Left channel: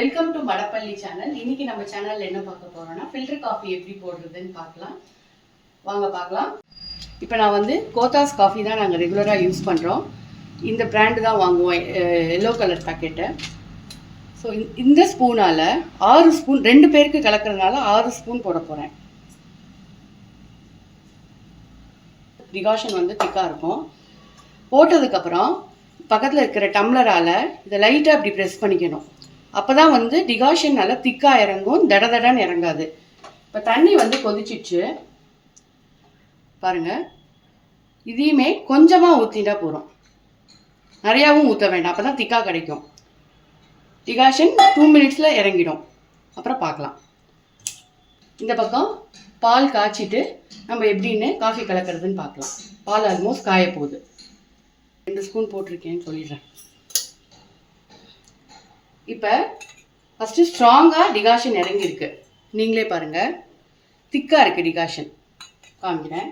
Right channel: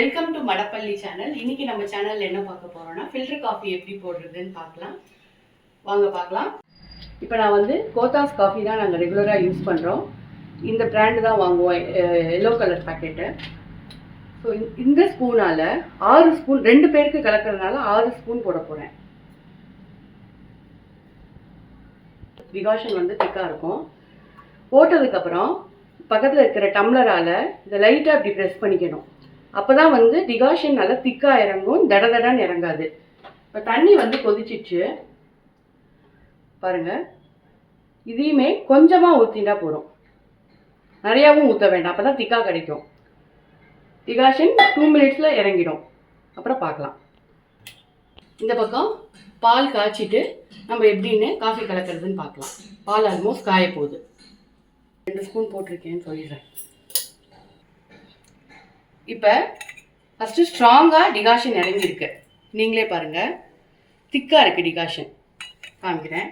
Welcome to மடப்பள்ளி channel. இன்னைக்கு நம்ம சேனல்ல என்ன பார்க்க போறோம்னா ஃபில்டர் காஃபி எப்படி போடுறதுன்னு பார்க்கலாம். வாங்க பார்க்கலாம். இப்போ நான் வந்து கோத்தாஸ் காஃபி தான் நாங்கள் ரெகுலராக யூஸ் பண்ணுறோம். இந்த பிராண்டு தான் வாங்குவோம், எல்லோ கலர் பேக்கெட்டை. ஸோ இந்த ஸ்பூனால் 6 ஸ்பூன், 2 பேருக்கு கலக்கிறதுனால 6 ஸ்பூன் போட போகிறேன். டிகாஷன் வந்து திக்காக இருக்கும். போட்டதுக்கப்புறம் பக்கத்தில் இருக்கிற டம்ளரால் இதை லைட்டாக இப்படி ப்ரெஸ் பண்ணிக்கணும். அப்போ தான் வந்து டிகாஷன் நல்லா திக்காக இறங்கும், தடன்னு இறங்காது. இப்போ தண்ணி வந்து கொதிச்சிச்சு பாருங்கள். இதையுமே கொஞ்சமாக ஊற்றிட்டா போகிறோம், நிறையாவும் ஊற்ற வேண்டாம். அப்போ தான் திக்காக கிடைக்கும். டிகாஷன் 2 மினிட்ஸில் இறங்கிடும். அப்புறம் பார்க்கலாம். இந்த பக்கம் பால் காய்ச்சிட்டு நம்ம எப்படின்னு காஃபி கலக்கிறதுன்னு பார்க்கலாம். பால் ஆல்மோஸ்ட் காய போகுது. 2 ஸ்பூன் போட்டிருக்கேன்னு சொல்லிடுறேன். இப்போ ஃபஸ்ட்டு ஸ்ட்ராங்காக டிகாஷன் இறங்கியிருக்கு. நீங்களே பாருங்கள், திக்காக இருக்குது டிகாஷன். காமிக்கிறேன்.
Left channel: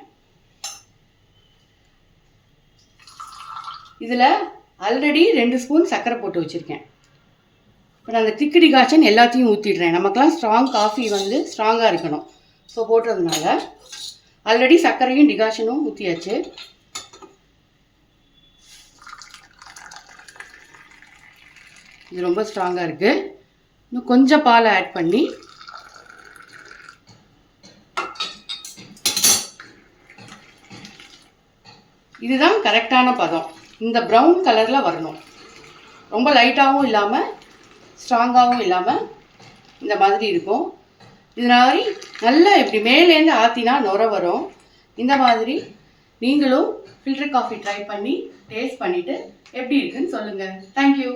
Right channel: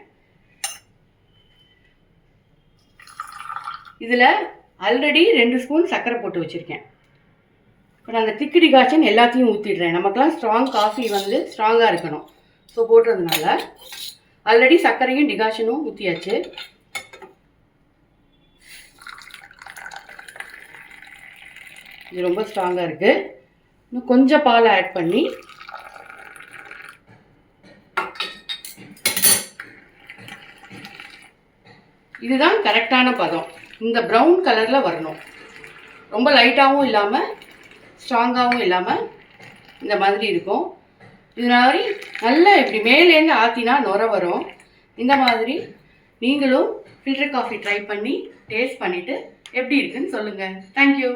இதில் ஆல்ரெடி 2 ஸ்பூன் சர்க்கரை போட்டு வச்சுருக்கேன். இப்போ நான் அந்த திக்கு டிகாஷன் எல்லாத்தையும் ஊற்றிடுறேன். நமக்கெல்லாம் ஸ்ட்ராங் காஃபி வந்து ஸ்ட்ராங்காக இருக்கணும். ஸோ போடுறதுனால ஆல்ரெடி சர்க்கரையும் டிகாஷனும் ஊற்றியாச்சு. இது ரொம்ப ஸ்ட்ராங்காக இருக்குது. இன்னும் கொஞ்சம் பால் ஆட் பண்ணி இதுதான் கரெக்டான பதம். இந்த ப்ரௌன் கலரில் வரணும். ரொம்ப லைட்டாகவும் இல்லாமல் ஸ்ட்ராங்காகவும் இல்லாமல் இந்த மாதிரி இருக்கும். இந்த மாதிரி நல்லா இப்படி மேலேருந்து ஆற்றினா நுர வரும். இந்த மாதிரி நீங்களும் ஃபில்டர் காஃபி ட்ரை பண்ணி டேஸ்ட் பண்ணிவிட்டு எப்படி இருக்குன்னு சொல்லுங்கள். தேங்க்யூ.